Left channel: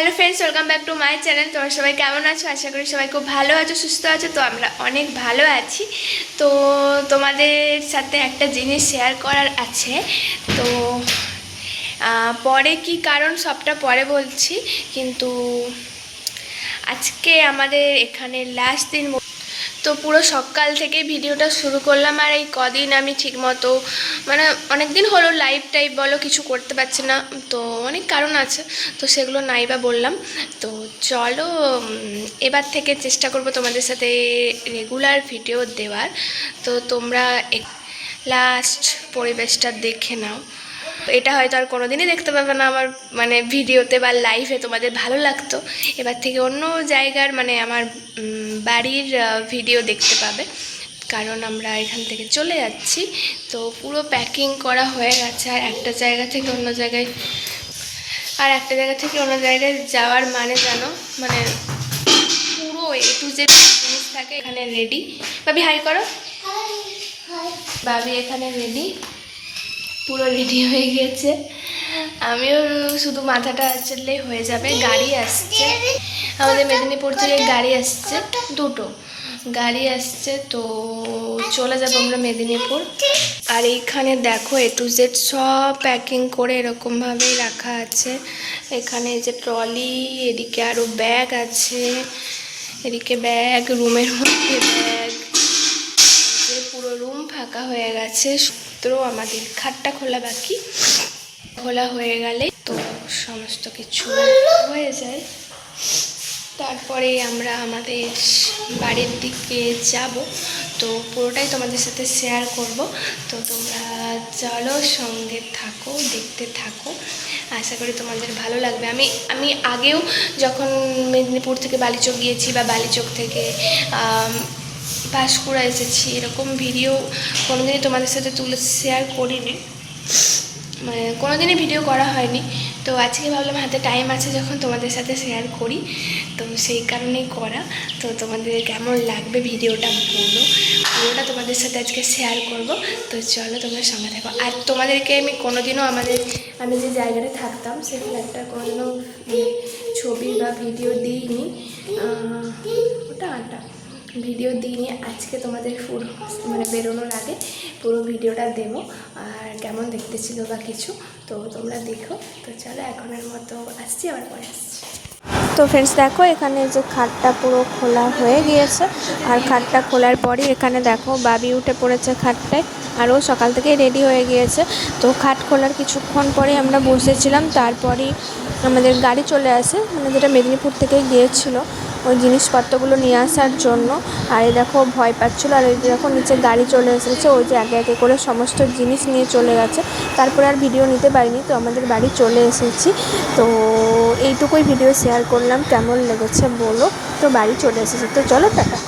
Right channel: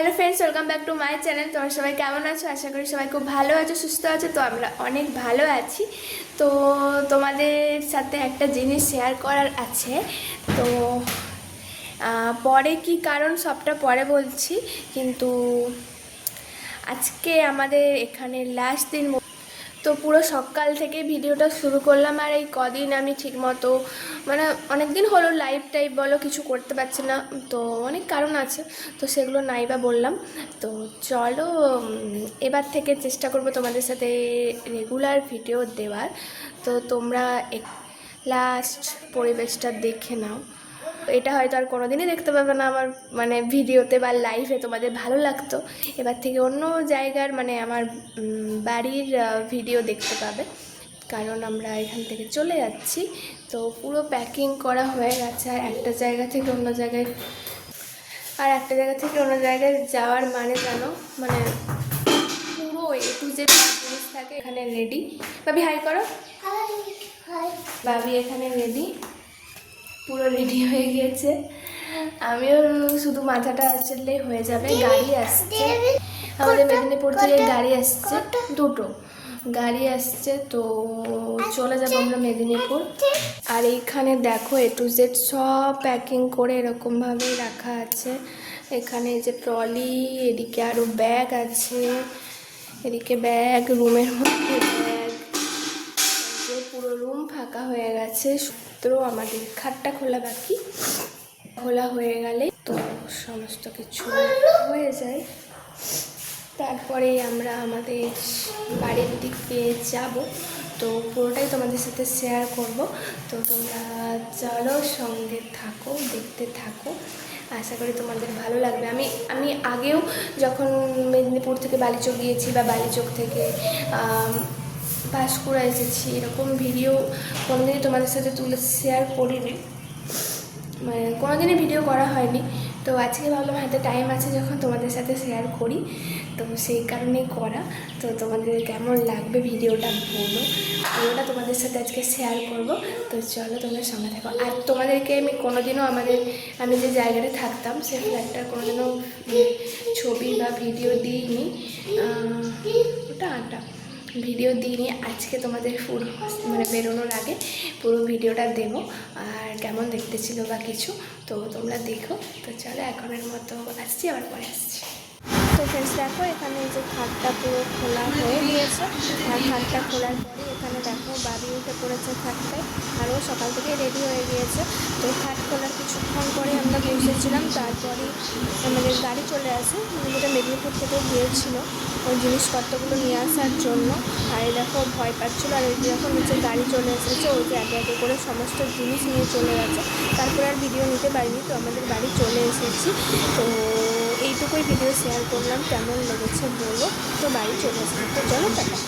Hello friends, welcome back to my channel. তোমরা সবাই কেমন আছো? আশা করি সবাই খুব ভালো আছো, সুস্থ আছো। তো আমরা অনেক ভালো আছি। তো তোমাদের সাথে একটা জিনিস শেয়ার করার আছে। তো পরে কি কারণ সবটা পরে বলছি, কিন্তু আজকে আমাদের এখানে লাস্ট দিন। তো পুরো সকাল থেকে ভিডিওটা শুরু করলাম, আর এই কদিন আমি ঠিকমতো মানে অনেক দিন হলো লাইভ টাইপ বলো কিছু করতে পারছি না। তো অনেক কারণ আছে, তো সেগুলো নাই বা বললাম। তো চলো এবার থেকে চেষ্টা করব তোমাদের সাথে রেগুলার ভিডিও দেওয়ার। তো তোমরা লাস্ট পরিবেশটা দেখে নাও। এটা হয়তো আর কোনোদিনই দেখতে পাবে না আমার মানে ভিডিওতে বা লাইভে, তোমাদের ভালো লাগতো। এবার থেকে অন্য জায়গার মানে আমার বাড়ির ভিডিও দেখতে পাবে, কারণ আমরা এখান থেকে চলে যাচ্ছি। তো পুরো প্যাকিং করা হয়ে গেছে, আর একটা জায়গা থেকে অন্য জায়গায় যাওয়ার মানে জানো, মানে পুরো একটু যে জিনিস থাকে এখানে রেডি। ভাবি হাই করো। ভাবি এখানে রেডি, পুরো রেডি হয়ে গিয়েছে। আমিও শুধু মাথাটা চললেই হয়ে যাবে। গাড়ি আসছে আমাদের মেদিনীপুর থেকে, গাড়ি আসছে, দুটো গাড়ি আসছে। তো চলে যাবো আমরা মেদিনীপুর। আর এইখানে দেখো A to Z সব প্যাকিং করে এরকমভাবেই রাখা আছে। এখানে যে ট্রলি, এদিকে আরও ব্যাগ আছে, এদিকে ব্যাগ, রুমের মধ্যে ব্যাগ, পুরো রুম ফাঁকা হয়ে গেছে। তো আমাদের খাটটা খোলা বাকি, খোলা হয়ে গেলে তো সমস্ত কিছু হয়ে যায়। তারপরে আমরা আমাদের বাড়ির দিকে যাব। তো পুরোটাই তোমাদের সাথে শেয়ার করব। তো তোমরা চলো সঙ্গে থাকো, দেখতে থাকো। আশা করি তোমাদের ভালো লাগবে। আমি আগেও যখন মেদিনীপুর থেকে বালিচক গিয়েছি বা বালিচক থেকে পাঁশকুড়া এসেছি, এরকম ভিডিও কোনোদিনই তোমাদের সাথে শেয়ার করিনি, মানে কোনোদিনই ভিডিও করা হয়নি। তো আজকে ভাবলাম হাতে টাইম আছে যখন তোমাদের সাথে শেয়ার করি, তো সেই কারণেই করা। তো তোমাদের কেমন লাগবে ভিডিওটা বলো, ওটা তোমাদের সাথে আজকে শেয়ার করব। তো চলো তোমরা সঙ্গে থাকো। আর তোমাদেরকে আমি কোনোদিনও আমি যে জায়গায় থাকতাম সেই ফ্ল্যাটটার কোনোদিনও ছবি বা ভিডিও দিইনি, ওটা ভিডিও দিইনি। আজকে তোমাদের ফুল মানে বেরোনোর আগে পুরো ভিডিওটা দেবো, আর কেমন দেখতে ছিল বা কিছু, তো তোমরা দেখো। তো চলো এখনের মতো আসছি, আবার পরে আসছি। তো ফ্রেন্ডস দেখো, এখানে যে খাটটা পুরো খোলা হয়ে গিয়েছে। আর খাটটা খোলার পরই এখানে দেখো বাবি উঠে পড়েছে খাটটায়, আর ও সকাল থেকেই রেডি হয়ে গিয়েছে। তো খাট খোলার কিছুক্ষণ পরে আমরা বসেছিলাম, তারপরেই আমাদের গাড়ি চলে আসে, মানে যেটা মেদিনীপুর থেকে গিয়েছিলো ওই জিনিসপত্রগুলো নিয়ে আসার জন্য। আর এই দেখো ভয় পাচ্ছিলো, আর এই দেখো নিচে গাড়ি চলে এসেছে, ওই যে একে একে করে সমস্ত জিনিস নিয়ে চলে গেছে। তারপরে আর ভিডিও নিতে পারিনি। তো আমাদের বাড়ি চলে এসেছি। তো এইটুকুই ভিডিও শেয়ার করলাম, কেমন লেগেছে বলো। তো বাড়ি চলে এসেছি, তো চলো টাটা।